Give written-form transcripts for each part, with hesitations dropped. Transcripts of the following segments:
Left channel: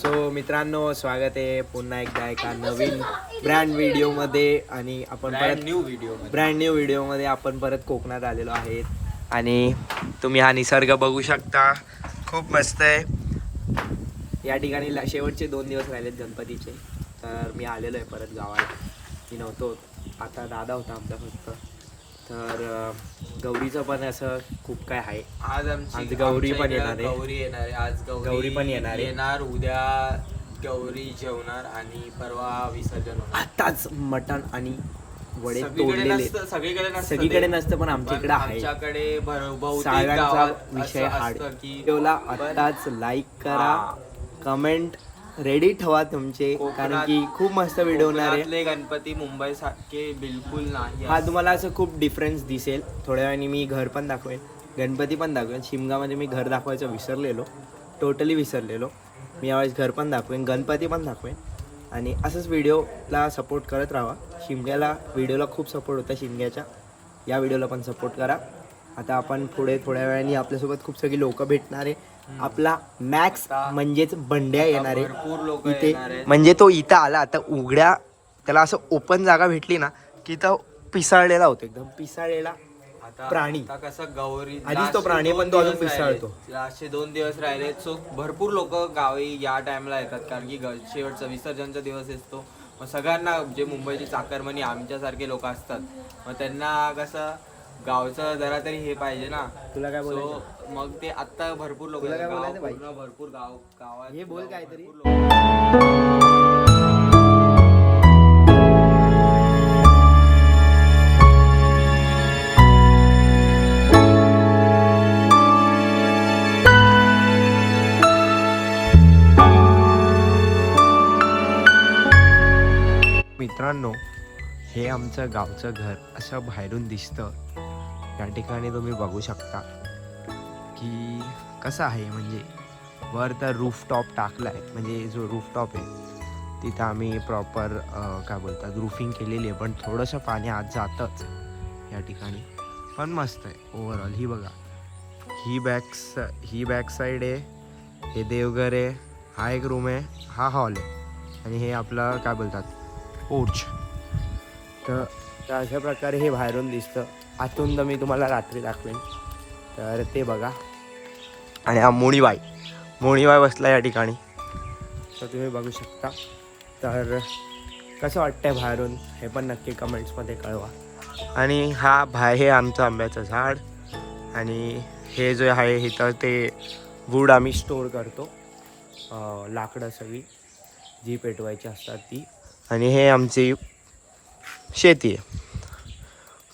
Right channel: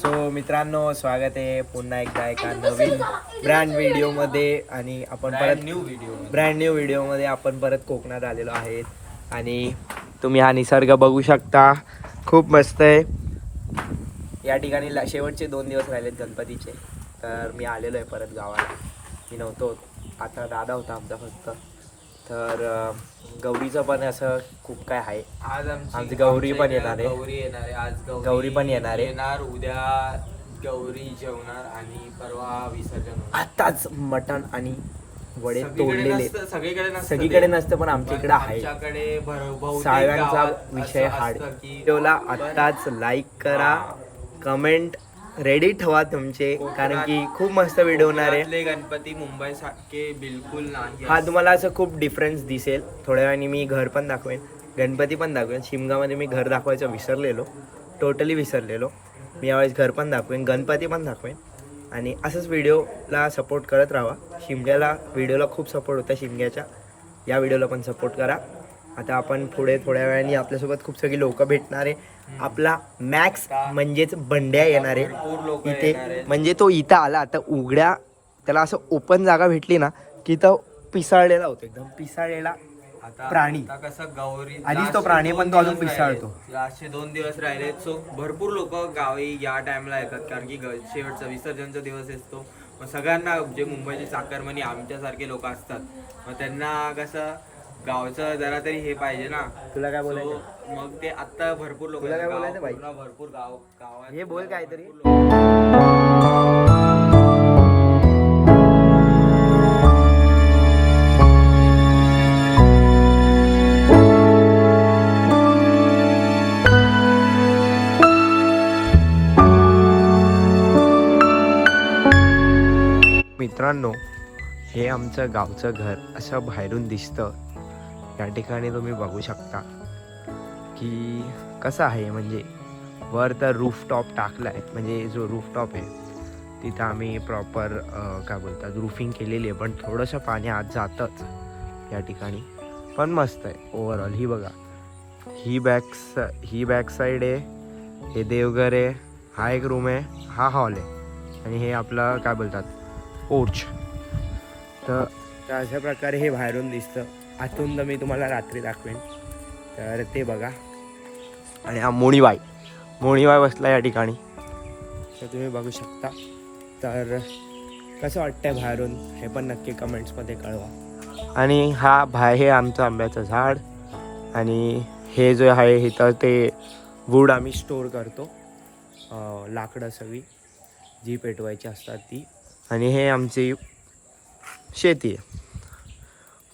So मित्रांनो, स्वागत आहे पुन्हा एकदा एका नवीन ब्रँड व्हिडिओमध्ये. आणि आपण परत ब्रँड न्यू व्हिडिओमध्ये आपण परत कोकणात आलेलो आहेत. आणि तुम्ही हा निसर्ग बघू शकता, खूप मस्त आहे. या ठिकाणी शेवटचे 2 दिवस राहिलेत गणपतीचे, तर मी आलेलो आहे परत गावाला. मी नव्हतो, आता दादा होता आमचा फक्त. तर गौरीचं पण असं खूप काय आहे. आज आमची गौरी पण येणार आहे. आज गौरी पण येणार आहे. उद्या गौरी जेवणार आणि परवा विसर्जन होणार. आताच मटण आणि वडे सगळीकडे तोडलेले. सगळीकडे नसतं पण आमच्या इकडे आहे. साळव्यांचा विषय हाड. व्हिडिओला आत्ताच लाईक करा, कमेंट रेडी ठेवा तुमचे, कारण की खूप मस्त व्हिडिओ होणार आहे. गणपती मुंबई सारखे बिलकुल नाही. हा तुम्हाला असं खूप डिफरन्स दिसेल. थोड्या वेळाने मी घर पण दाखवेन, गणपती पण दाखवेन. शिमगामध्ये मी घर दाखवायचं विसरलेलो, टोटली विसरलेलो. मी यावेळेस घर पण दाखवेन, गणपती पण दाखवेन. आणि असंच व्हिडिओला सपोर्ट करत राहा. शिमग्याला व्हिडिओला खूप सपोर्ट होता शिमग्याच्या. या व्हिडिओला पण सपोर्ट करा. आता आपण पुढे थोड्या वेळाने आपल्यासोबत खूप सगळी लोक भेटणार आहे. आपला मॅक्स म्हणजेच बंड्या येणार आहे इथे. म्हणजे तो इथं आला आता उघड्या, त्याला असं ओपन जागा भेटली ना, तिथं पिसाळलेला होतो, एकदम पिसाळलेला प्राणी. कसं गौरी आधीच तो प्राणी पण तो अजून पिसाळतो. लास्टचे 2 दिवस राहिले, सो भरपूर लोक गावी या टाइमला येतात, कारण की शेवटचा विसर्जनचा दिवस असतो. मग सगळ्यांना जे मुंबईचे चाकरमानी आमच्यासारखे लोक असतात, मग त्यांना कसं गावचं जरा तरी हे पाहिजे ना. तुला काय बोलायचं? मग ते आता भरपूर लोक, तुला काय बोलायचं भाई? भरपूर गावात हे बोल काहीतरी. मित्रांनो, हे आमचं गावचं घर असं बाहेरून दिसतं. या ठिकाणी तुम्ही बघू शकता की कसं आहे. म्हणजे वर तर रूफटॉप टाकला आहे, म्हणजे जो रूफटॉप आहे तिथं आम्ही प्रॉपर काय बोलतात रूफिंग केलेली आहे. पण थोडंसं पाणी आत जातंच या ठिकाणी, पण मस्त आहे ओव्हरऑल. ही बघा, ही बॅक साईड आहे, हे देवघर आहे, हा एक रूम आहे, हा हॉल आहे, आणि हे आपलं काय बोलतात पोर्च. तर अशा प्रकारे हे बाहेरून दिसतं. आतून तर मी तुम्हाला रात्री दाखवेन, तर ते बघा. आणि हा मोणीबाई बसला या ठिकाणी, तर तुम्ही बघू शकता. तर कसं वाटतंय बाहेरून हे पण नक्की कमेंट्समध्ये कळवा. आणि हे आमचं आंब्याचं झाड. आणि हे जे आहे इथं ते वूड आम्ही स्टोअर करतो, लाकडं सगळी जी पेटवायची असतात ती. आणि हे आमची शेती आहे.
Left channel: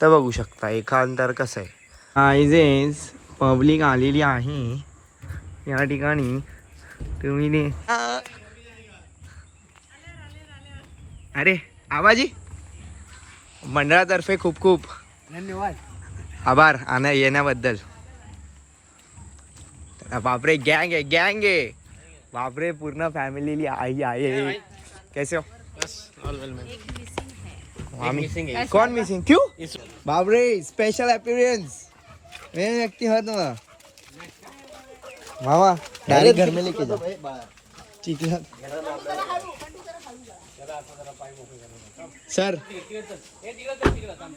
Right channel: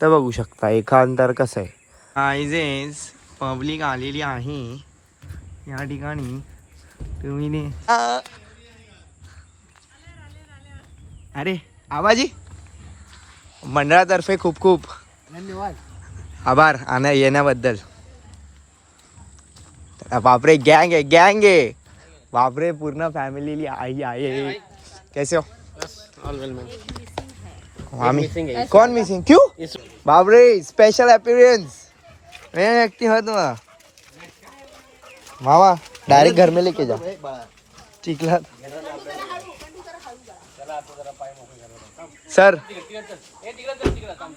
तर बघू शकता एकांतर कसं आहे. आयजेस पब्लिक आलेली आहे या ठिकाणी. तुम्ही अरे आवाजी मंडळातर्फे खूप खूप धन्यवाद, आभार येण्याबद्दल. बापरे, गँग आहे बापरे, पूर्ण फॅमिली आई आहे. कैसे हो? कौन मिसिंग क्यों? बापरे, स्पेशल अपीयरेंस व्यक्ति हो तुम मामा. डायरेक्ट घर में लेके जाओ. चिखला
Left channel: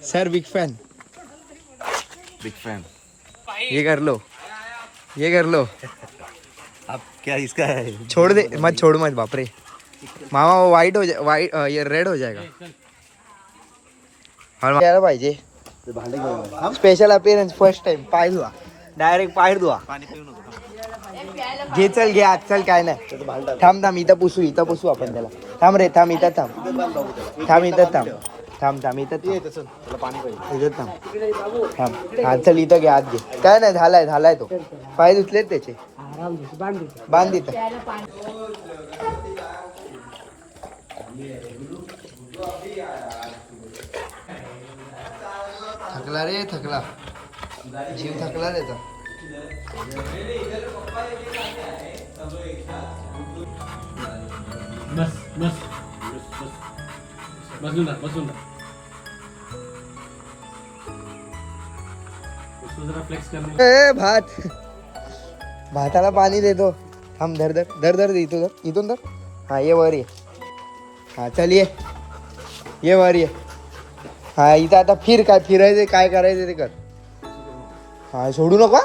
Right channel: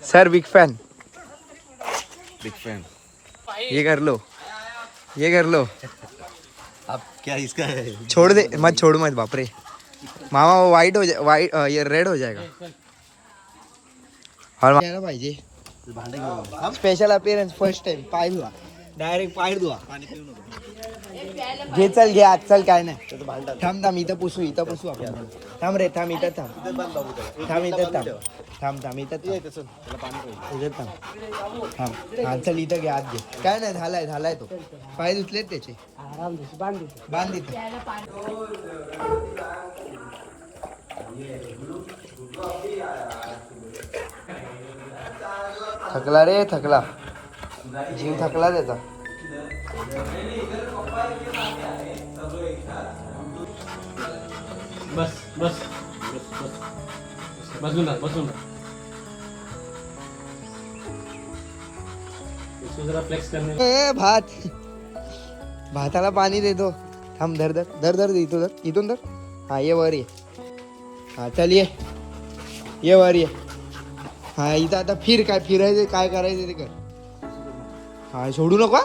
सर बिग फैन. ये कर लो अब क्या इसका है? छोड़ दे, छोड़ मत बापरे. मामा वो ये रेड हो जाएगा. यायला पाहिजे. Special appearance first time. पाय धुवा, डायरेक्ट पाय धुवा. घे चल, घे आज चल, काय नाही. थांब इथं पुसू आपण त्याला. थांब इथं थांब इथं हा चल, इथं घे, आत घे. काय नाही, झालाय तो. पाय धुतलेत त्याचे, बांध इथं. थकला रे, जीव थकला त्याचा. बसून भाताला पाणी देतो. हम धर धर धर धर इथून धर हा ये वर ये हा चल ये वर ये हा इथं आता फिर काय फिरायचं काय करायचं ते कर हा सोडू नका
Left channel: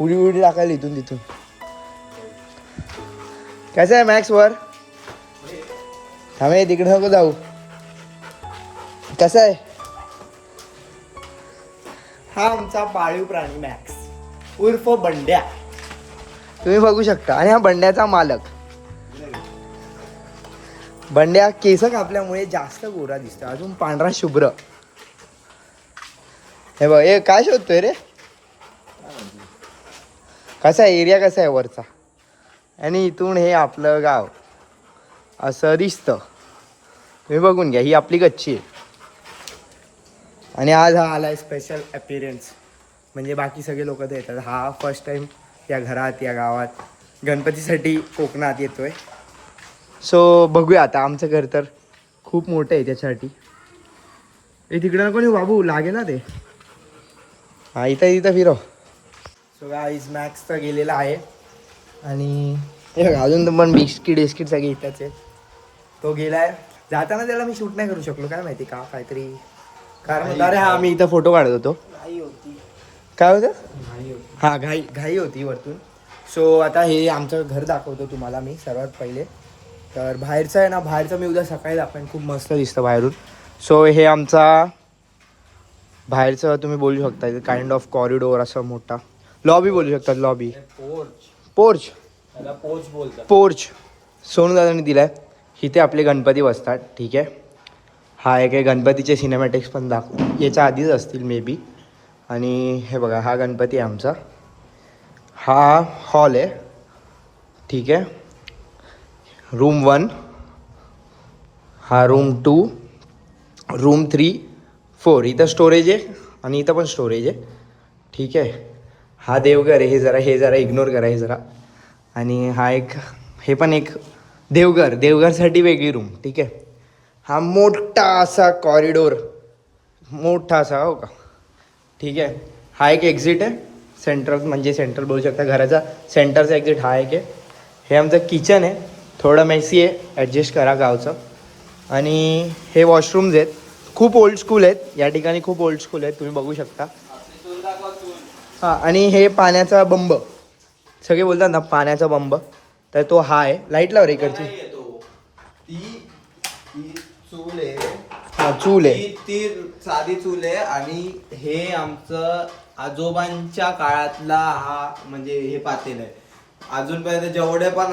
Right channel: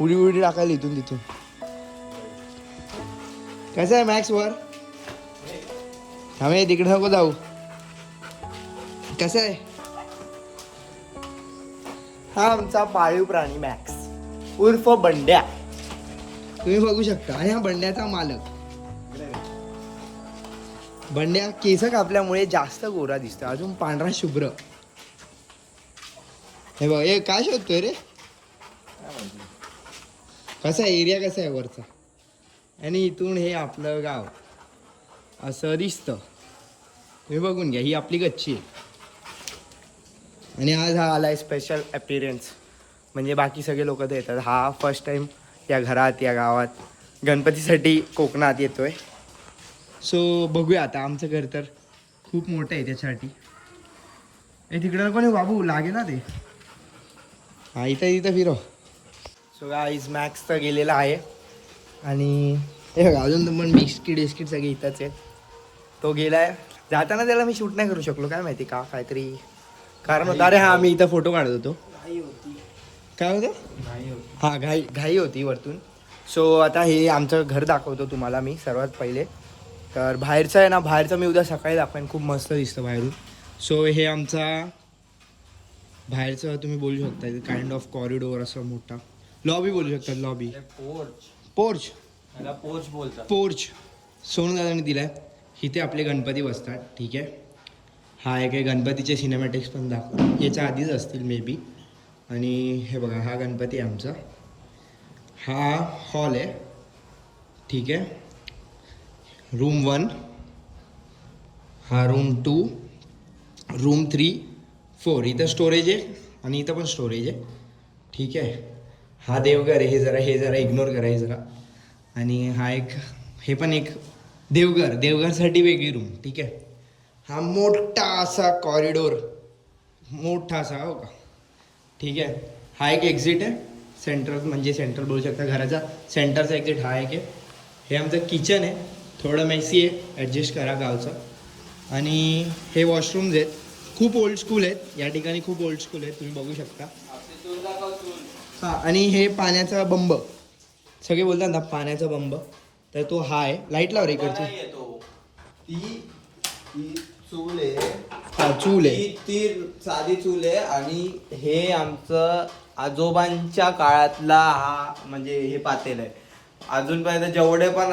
उडी उडी टाकायला इथून तिथून कसं आहे मॅक्स वर थांबे तिकडे नको जाऊ कसं आहे हा आमचा पाळीव प्राणी मॅक्स उर्फ बंड्या तुम्ही बघू शकता आणि हा बंड्याचा मालक बंड्या केस कापल्यामुळे जास्त गोरा दिसतो अजून पांढरा शुभ्र हे बघ हे काय शोधतोय रे कसा आहे एरिया कसा आहे वरचा आणि इथून हे आपलं गाव असं दिसतं तुम्ही बघून घ्या ही आपली गच्ची आहे आणि आज हा आलाय स्पेशल अपीरियन्स म्हणजे बाकी सगळे लोक तर येतात हा फर्स्ट टाइम या घरात या गावात गणपतीसाठी कोकणात येतोय सो बघूया आता आमचं घर तर खूप मोठं आहे त्याच्यासाठी हे तिकडं कोणी बाबू लागे ना ते हा इथं फिरव सो गाईज मॅक्स तर गेलेला आहे आणि हे बघा अजून पण बिस्किट सगळे इथंच आहेत तो गेलाय जाताना त्याला मी शूट नाही करू शकलो काय माहिती का काहीतरी कारण होतं अरे हा मी इथं फोटो काढत होतो काय होतं हा घाई होती वरतून सो आता हे आमचं घर दाखवतो तुम्हाला मी सर्वात पहिले तर बाहेरचं आहे ना बाहेरचं मी उद्या सकाळी दाखवेन खूप मस्त दिसतं बाहेरून सो हे आमचा बाहेरचं तुम्ही बोलू शकता काइंड ऑफ कॉरिडोर असं मोठा लॉबी बोलू शकतात लॉबी पोर्च बोलतात पोर्च सोनू दादांनी दिलाय इथे आपले गणपती बसतात ठीक आहे हा एक आहे गणपतीचे सिनेमॅटिक्स पण याच्या आधीच असतील मे बी आणि हे बघा हा गणपती आहे आमचा हा हॉल आहे ठीक आहे रूम 1 हा रूम 2 रूम 3 4 इथं स्टोरेज आहे आणि इथं पण स्टोरेज आहे ठीक आहे हा देवघर आहे हे जरा इग्नोर करा हे जरा आणि हा एक हे पण एक देवघरसाठी वेगळी रूम ठीक आहे हा मोठा असा कॉरिडोर मोठा असा हो का ठीक आहे हा एक एक्झिट आहे सेंट्रल बोलू शकता घराचा सेंटरचा एक्झिट हा एक आहे हे आमचं किचन आहे थोडं मेसी आहे ॲडजस्ट करा गावचं आणि हे वॉशरूम्स आहेत खूप ओल्ड स्कूल आहेत या ठिकाणी खूप ओल्ड स्कूल आहेत तुम्ही बघू शकता हां आणि हे पाण्याचा बंब सगळे बोलतात ना पाण्याचा बंब तर तो हा आहे लाईट लाव रे इकडची चूल आहे हा चूल आहे ती साधी चूल आहे आणि हे आमचं आजोबांच्या काळातला हा म्हणजे हे पातेल आहे अजूनपर्यंत जेवढे पण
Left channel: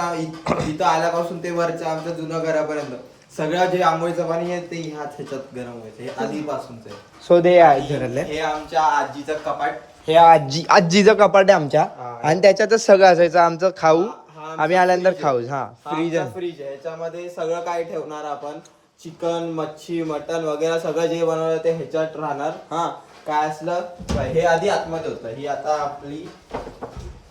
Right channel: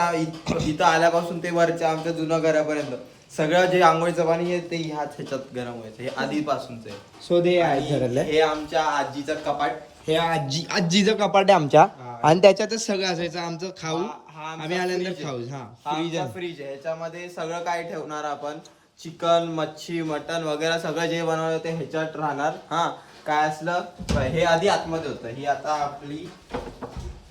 इथं आल्यापासून ते वरच्या आमच्या जुन्या घरापर्यंत सगळं जे आंघोळीचं पाणी आहे ते ह्याच्यात गरम व्हायचं हे आधीपासूनच आहे सो ते आहे घरातले हे आमच्या आजीचं कपाट हे आजीचं कपाट आहे आमच्या आणि त्याच्यातच सगळं असायचं आमचं खाऊ आम्ही आल्यानंतर खाऊ हा फ्रीज आहे फ्रीज आहे ह्याच्यामध्ये सगळं काय ठेवणार आपण चिकन मच्छी मटन वगैरे सगळं जे बनवलं ते ह्याच्यात राहणार हा काय असलं हे आधी आतमध्ये होतं ही आता आपली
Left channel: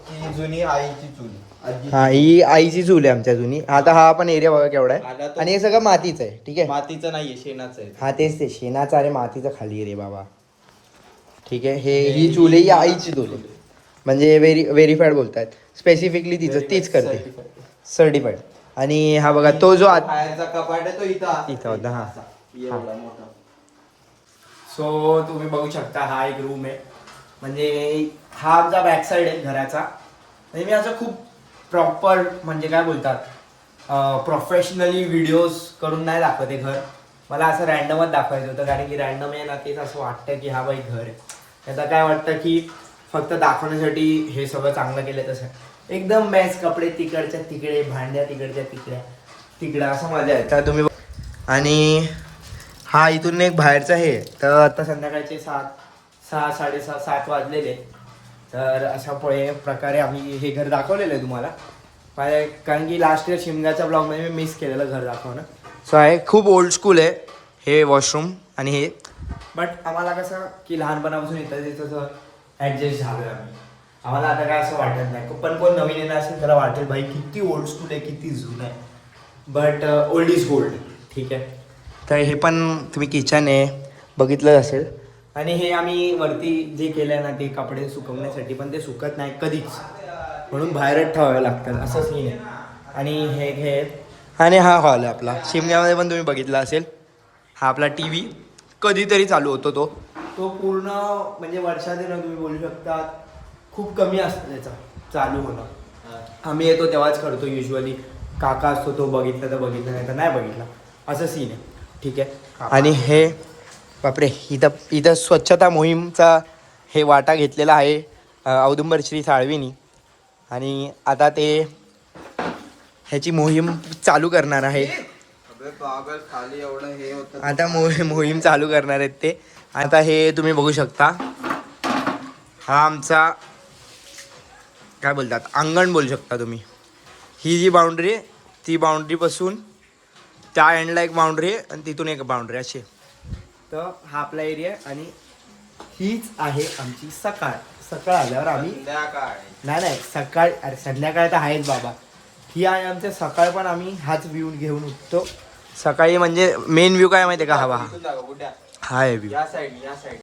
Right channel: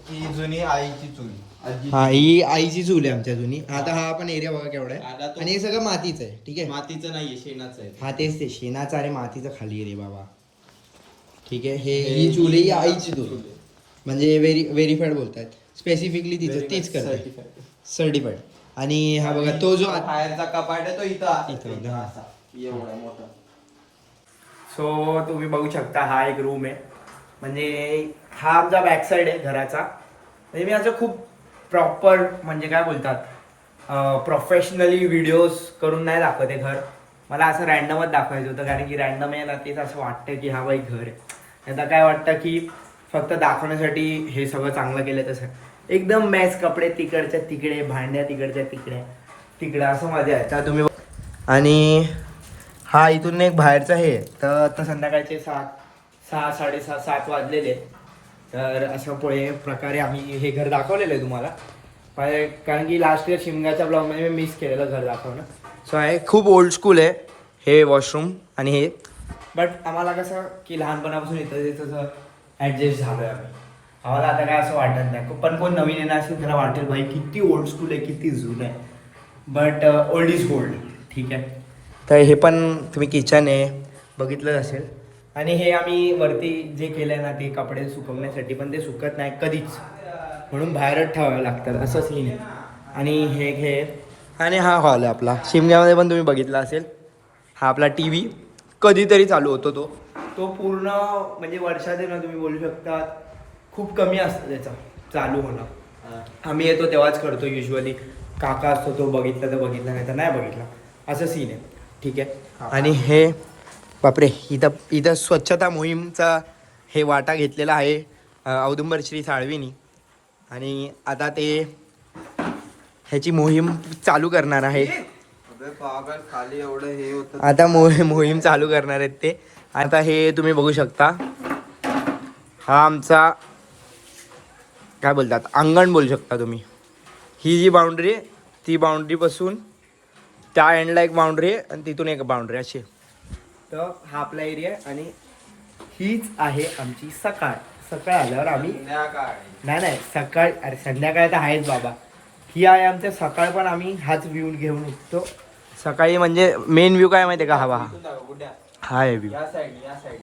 ही जुनी आईची चूल हा ही आईची चूल आहे आमच्या जुनी आता हा पण एरिया बघा केवढा आहे आणि हे सगळं मातीचं आहे ठीक आहे मातीचं नाहीये शेणाचं आहे हा तेच ते शेणाचं अरे मातीचं खाली आहे रे बाबा ठीक आहे ही चूल आहे ही आईची चूल आहे म्हणजे व्हेरीफाईड बोलतायत स्पेसिफिकली तिचं तीच करते सर्टिफाईड आणि हा बघा तो जो बाहेरचा कपाट आहे तो इथं होता हा एवढा मोठा सो तुम्ही बघू शकता हा एक रूम आहे म्हणजे हा आमचा बॅक साईड आहे घराचा म्हणजे मी असं खूप प्रॉपर म्हणजे काय बोलतात प्रोफेशनली व्हिडिओज करून नाही दाखवत आहे घर मला असं रॅन्डमच दाखवायचं होतं कारण की रॅन्डम आहे ना तेच असं वाटतं की हा बाई घर आहे आता काय वाटतं की फक्त दाखवण्यासाठी हे सगळं चांगलं केलं तसं एकदम मॅच कपडे तिकडच्या तिकडे भांड्या तिकडच्या तिकडे असं मजा आहे तर तुम्ही आणि हा इथून एक बाहेरचा हे तर आता संध्याकाळचे 7 वाजलेले तर अशा प्रकारे आम्ही हे घर दाखवलेलं आहे तुम्हाला कारण की लास्ट इयर शिमग्याच्या ब्लॉगमध्ये मी मिस केलेलं घर दाखवणं सो आहे खूप ओल्ड स्कूल आहे हे वॉशरूम आणि हे बट आम्हाला कसं की लहानपणापासून इथं तसं ॲडजस्ट झालो आहे आम्हाला आता काय असं वाटत नाही पण कोण नवीन येणार असेल त्याला वाटेल भाई किती ओल्ड स्कूल आहे किती जुनं आहे बट ओल्ड इज गोल्ड ठीक आहे तर हे पण तुम्ही किचन आहे बघितलं असेल आणि हे आम्ही वरती जे केलं आहे ना ते कपडे सुकवण्यासाठी पण ते सुकत नाही कधीच म्हणून बाहेरच ठेवावे लागतात असं सीन आहे. आणि हे आणि हा हॉल आहे आपला. शिमग्यामध्ये पण तुम्ही बघितला असेल, हा आपला टी व्ही कधीतरी चालू होतो तो पूर्ण म्हणजे वर्षात ना तुम्ही बोलू शकता खूप कमी असतं त्याचा चालू होणं. आम्ही येतो तेव्हाच करतो युजली. काका असतो तो बघितला तर बघितला, नाही तर नाही बघितला, असं सीन आहे. ठीक आहे. आणि हे बापरे, इथं स्वच्छता मोहीमचा हे वाटा घेतलेला आहे औदुंबर श्री साळवीनी. आणि आता ते ह्याची मोहीम चालू करणार आहे. खाली एवढं हे होतं. आता मोहीम चालू करणार आहेत ते. आता हे तुम्ही बघू शकता, हा आमचा काय बोलतात अंगण बोलू शकता तुम्ही. ही जी बाउंड्री आहे ती बाउंड्रीपासून त्या एंडला एक बाउंड्री आहे आणि तिथून एक बाउंड्री अशी. तर हा आपला एरिया आहे आणि हीच आहे आमची सकाळ. सकाळ आल्यावर आम्ही नाही सकाळ, अरे संध्याकाळ तर आहेच बाबा. ही आहे आमच्या सकाळ, पण आम्ही हाच व्ह्यू घेऊन उठतो सकाळी. म्हणजे मेन व्ह्यू काय माहिती आहे का, हवा हा आहे व्ह्यू. या साईड